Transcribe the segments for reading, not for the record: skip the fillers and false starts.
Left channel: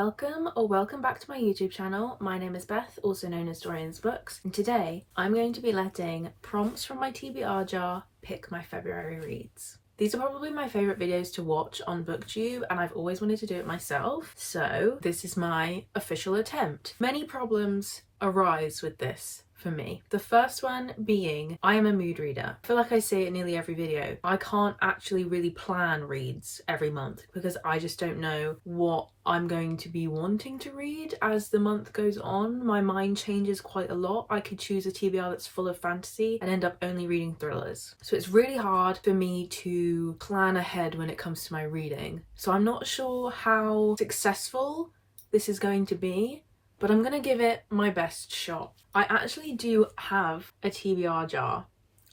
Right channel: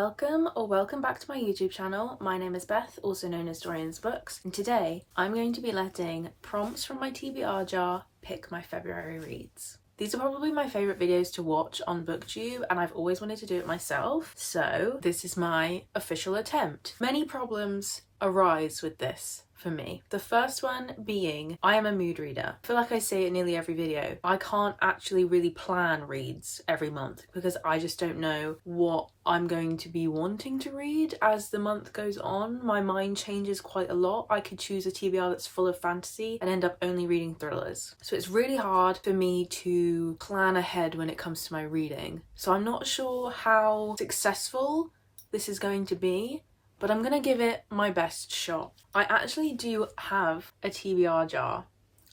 Welcome or welcome back to my YouTube channel. My name is Beth, also known as Dorian's Books, and today I'm going to be letting prompts from my TBR jar pick my February reads. These are probably my favourite videos to watch on Booktube, and I've always wanted to do it myself, so this is my official attempt. Many problems arise with this for me. The first one being, I am a mood reader. I feel like I say it nearly every video. I can't actually really plan reads every month because I just don't know what I'm going to be wanting to read as the month goes on. My mind changes quite a lot. I could choose a TBR that's full of fantasy and end up only reading thrillers. So it's really hard for me to plan ahead when it comes to my reading. So I'm not sure how successful this is going to be, but I'm gonna give it my best shot. I actually do have a TBR jar.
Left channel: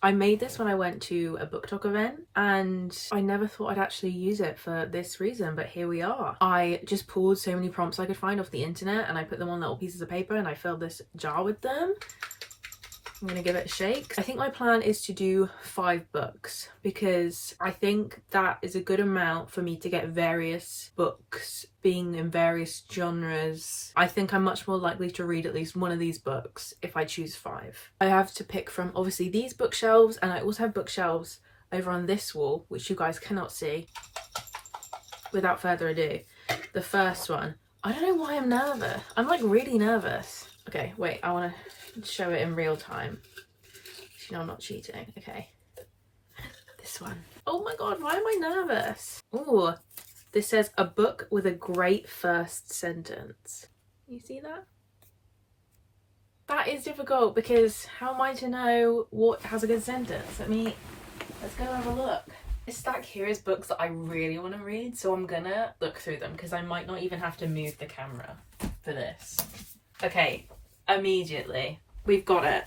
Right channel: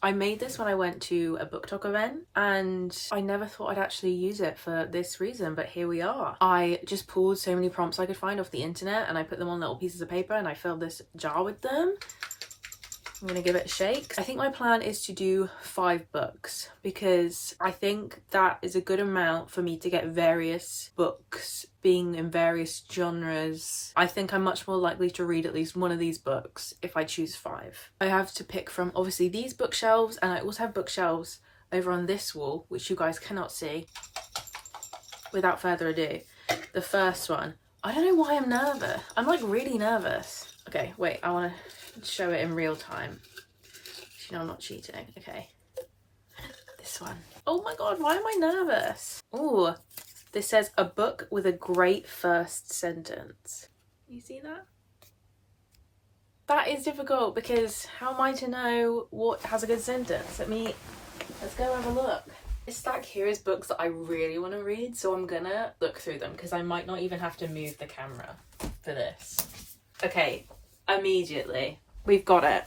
I made this when I went to a Booktok event and I never thought I'd actually use it for this reason, but here we are. I just pulled so many prompts I could find off the internet and I put them on little pieces of paper and I filled this jar with them. I'm gonna give it a shake. I think my plan is to do 5 books because I think that is a good amount for me to get various books being in various genres. I think I'm much more likely to read at least one of these books if I choose 5. I have to pick from obviously these bookshelves, and I also have bookshelves over on this wall, which you guys cannot see. Without further ado, the first one. I don't know why I'm nervous. I'm like really nervous. Okay, wait, I want to show it in real time. You know I'm not cheating. Okay. This one. Oh my god, why am I nervous? Ooh, this says a book with a great first sentence. You see that? That is difficult because how am I to know what has a good sentence? Let's go have a look. This stack here is books that I really want to read, so I'm gonna look through them because I might not even have to move the camera for this. Okay, immediately. We've got it.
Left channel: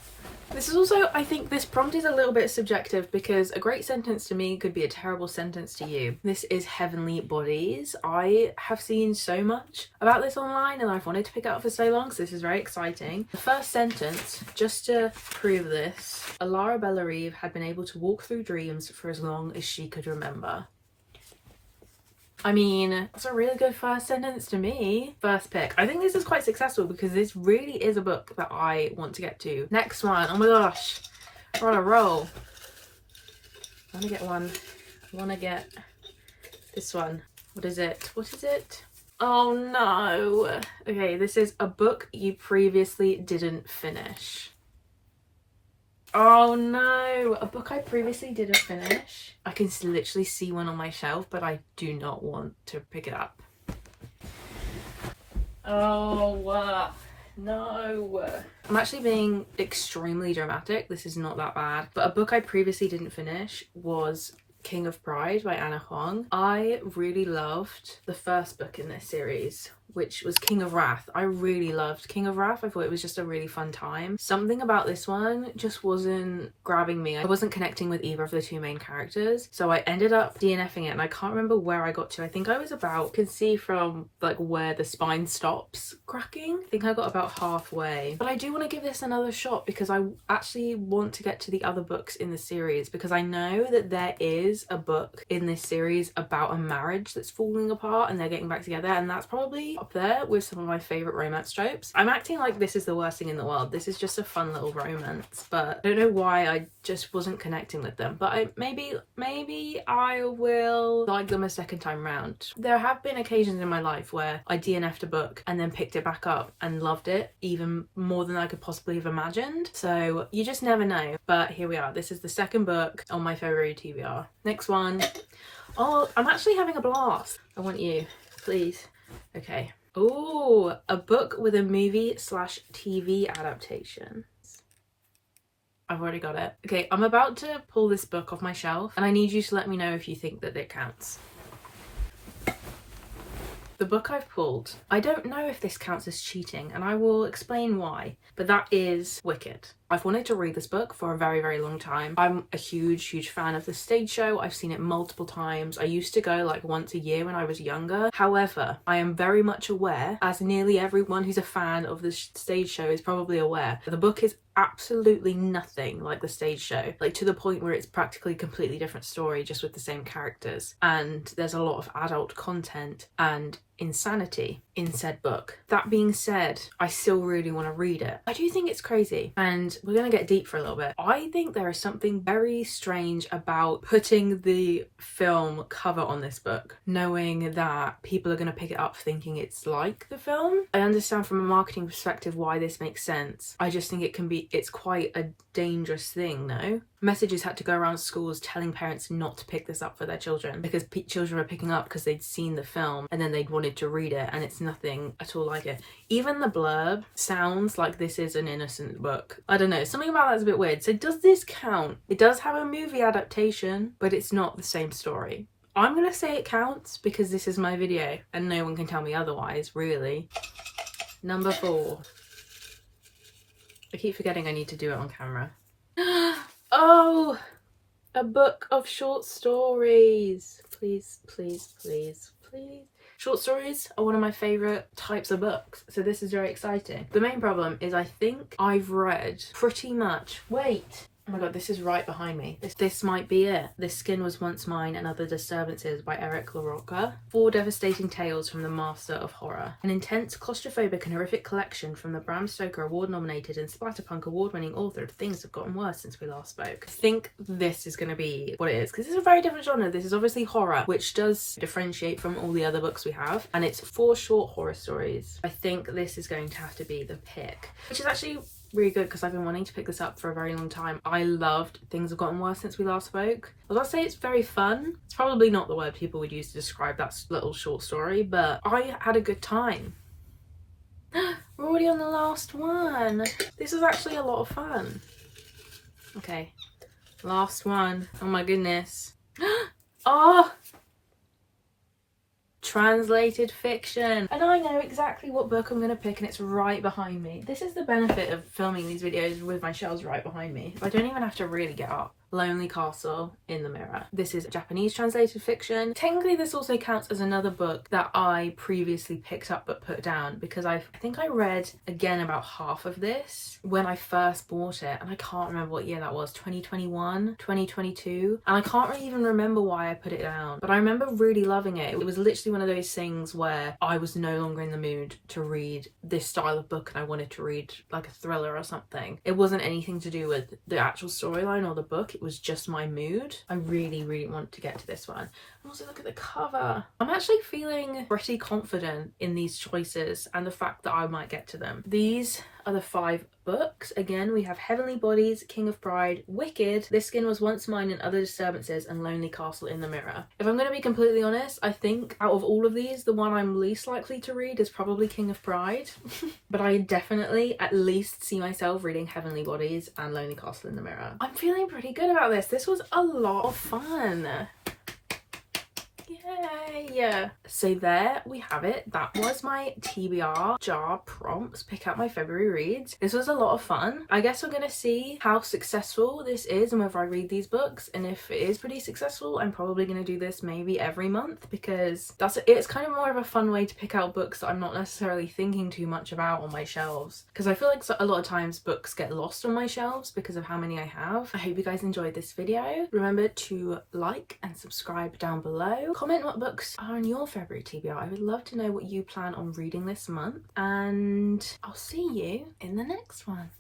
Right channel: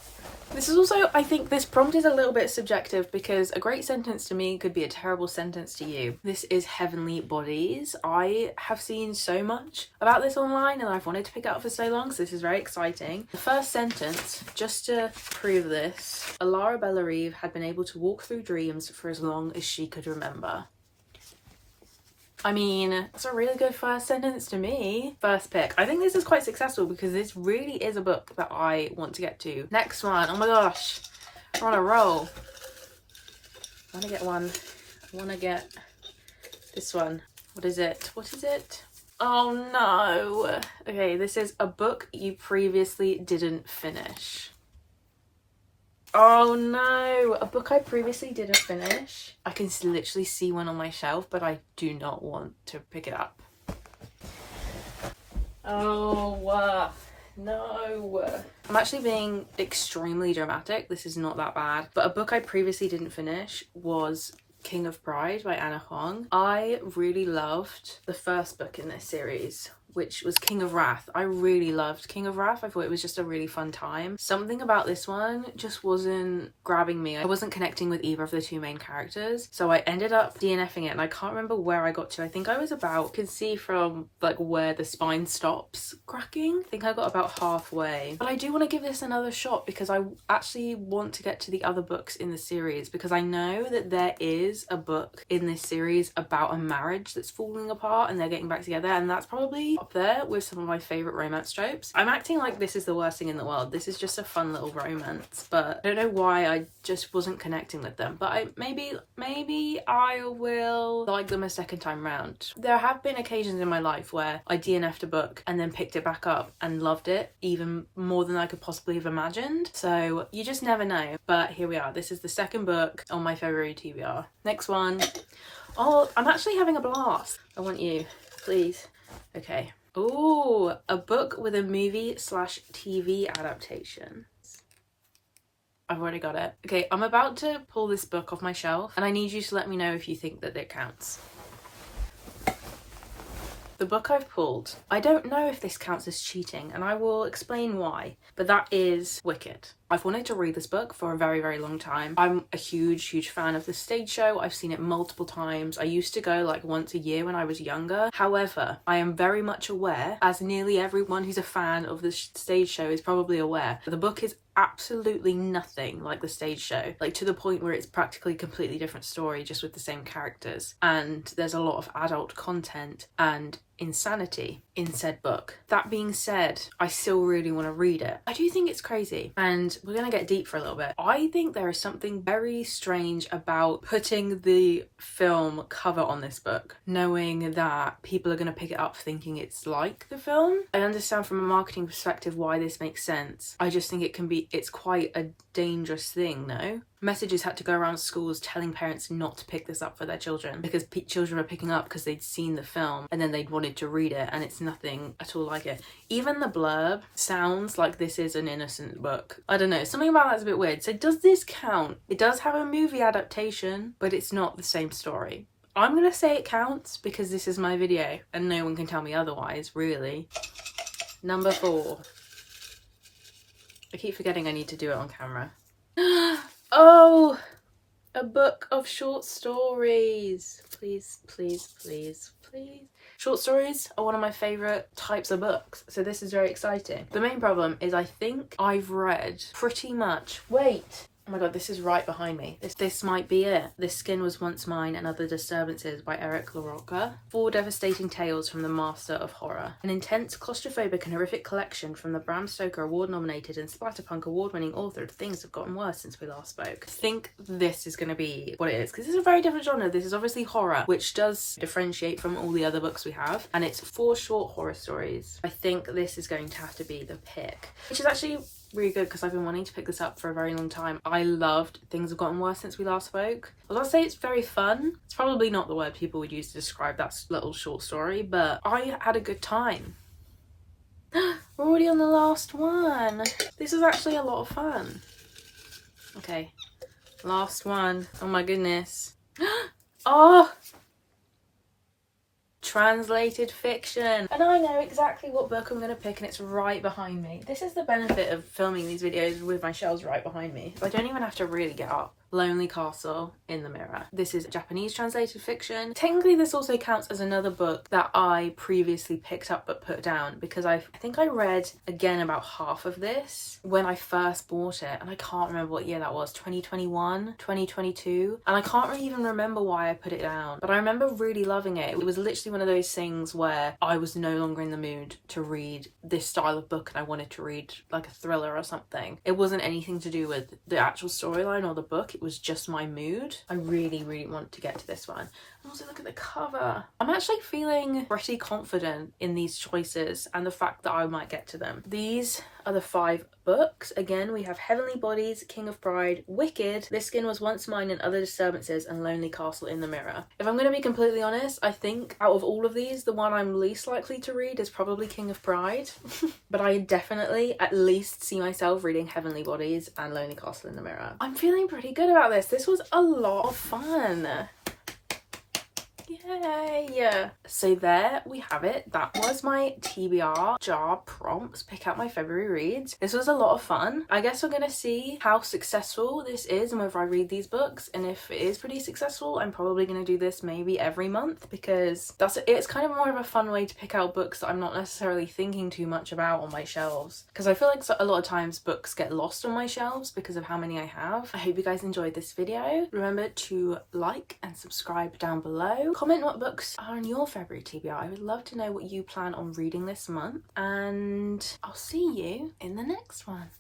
This is also, I think this prompt is a little bit subjective because a great sentence to me could be a terrible sentence to you. This is Heavenly Bodies. I have seen so much about this online and I've wanted to pick it up for so long, so this is very exciting. The first sentence, just to prove this, Alara Bellarive had been able to walk through dreams for as long as she could remember. I mean, that's a really good first sentence to me. First pick. I think this is quite successful because this really is a book that I want to get to. Next one. Oh my gosh. We're on a roll. I want to get one. I want to get this one. What is it? What is it? Oh no. Okay, this is a book you previously didn't finish. Oh no, a book I previously didn't finish. I can literally see one on my shelf, but I do not want to pick it up. Oh, no. I'm actually being extremely dramatic. This is not that bad. But a book I previously didn't finish was King of Pride by Anna Huang. I really loved the first book in this series, which was King of Wrath. I really loved King of Wrath. I thought it was just a really fun time. Something about this one just wasn't grabbing me. I wasn't connecting with either of the 2 main characters. So I ended up DNFing it and I can't remember where I got to. I think I was about, you can see from like where the spine stops cracking. I think I got about halfway. But I do want to give this another shot because I actually want to get to the other books in the series because I know that there is a book in this series about a marriage that's falling apart and they're getting back together, and that's probably up there with some of my favorite romance tropes. I'm acting like this is the worst thing in the world. This is just a fun little romance, but I don't know why I just wasn't connecting with them. But maybe I will like them a second time round. There have been occasions in my life where I DNF'd a book and then picked it back up and loved it even more than I could possibly have imagined. So you just never know. But here we are. This is the second book on my February TBR. Next one. Oh, I'm actually having a blast. I want you, please. Okay. Ooh, a book with a movie/TV adaptation. I've already got it. Okay, I'm about to pull this book off my shelf and I need you to let me know if you think that it counts. The book I've pulled, I don't know if this counts as cheating and I will explain why, but that is Wicked. I've wanted to read this book for a very, very long time. I'm a huge fan of the stage show. I've seen it multiple times. I used to go like once a year when I was younger. However, I am very much aware, as nearly everyone who's a fan of the stage show is probably aware, the book is absolutely nothing like the stage show, like to the point where it's practically a completely different story just with the same characters, and there's a lot of adult content and insanity in said book. That being said, I still really want to read it. I do think it's crazy, and we're gonna get deep for a little bit. I think there is something very strange about putting the film cover on this book, knowing that people are gonna pick it up thinking it's like the film. I understand from a marketing perspective why this makes sense. I just think it's quite a dangerous thing, no? Messages had to go around schools telling parents not to pick this up for their children because children were picking up because they'd seen the film and then they'd wanted to read it, and it's nothing at all like it. Even the blurb sounds like this is an innocent book. I don't know, something about that's a bit weird. So does this count? It does have a movie adaptation, but it's not the same story. I'm gonna say it counts because this is my video and no one can tell me otherwise, really. Number 4. I keep forgetting I need to do it on camera. Oh, a book of short stories. Please, please, please, please. Short stories are one of my favourite types of books, so this is very exciting. The main problem is I think I've read pretty much... Wait! Oh my god, this is right behind me. This might be it. This Skin Was Once Mine and Other Disturbances by Eric LaRocca. 4 devastating tales from the master of horror. An intense, claustrophobic and horrific collection from the Bram Stoker award-nominated and Splatterpunk award-winning author of Things Have Gotten Worse Since We Last Spoke. I think this is going to be what it is, because this is a very different genre. This is obviously horror, which does differentiate from all the other books we have, and it's 4 short horror stories. I think this is going to have to be the pick, which is actually really good because I've been wanting to pick this up for a very long time. I loved Things Have Gotten Worse Since We Last Spoke. I was about to say it's very fun. It's probably not the word people would use to describe that little short story, but I had a good time. We're already on the last one. This is actually a lot of fun. Okay, last one. Oh my goodness. Oh! Translated fiction. And I know exactly what book I'm going to pick, and it's right behind me. This is the benefit of filming these videos with my shelves right behind me. I don't even have to really get up. Lonely Castle in the Mirror. This is Japanese translated fiction. Technically this also counts as another book that I previously picked up but put down, because I think I read again about half of this when I first bought it, and I can't remember what year that was, 2021, 2022, and I can't really even remember why I put it down, but I remember really loving it. It was literally one of those things where I was no longer in the mood to read this style of book and I wanted to read like a thriller or something. It wasn't anything to do with the actual storyline or the book. It was just my mood. I really want to get to this one. And also look at the cover. I'm actually feeling pretty confident in these choices and the fact that I might get to them. These are the 5 books. Again, we have Heavenly Bodies, King of Pride, Wicked, This Skin Was Once Mine and Other Disturbances, and Lonely Castle in the Mirror. If I'm going to be completely honest, I think out of all of these, the one I'm least likely to read is probably King of Pride. But I definitely at least see myself reading Heavenly Bodies and Lonely Castle in the Mirror. I'm feeling pretty good about this. This was a lot of fun. Yay! So there we have it. That was my TBR jar prompts, pick out my February reads. This was a lot of fun. I guess we're gonna see how successful this is and whether I read these books, and if it is pretty successful, I'm probably gonna do this maybe every month, because it's kind of more of a fun way to pick out books that I'm not necessarily thinking too much about on my shelves, because I feel like a lot of times books get lost on my shelves because of how many I have. I hope you guys enjoyed this video. Remember to like and subscribe down below. Comment what books are in your February TBR. I would love to know what you plan on reading this month, and I'll see you in the next one.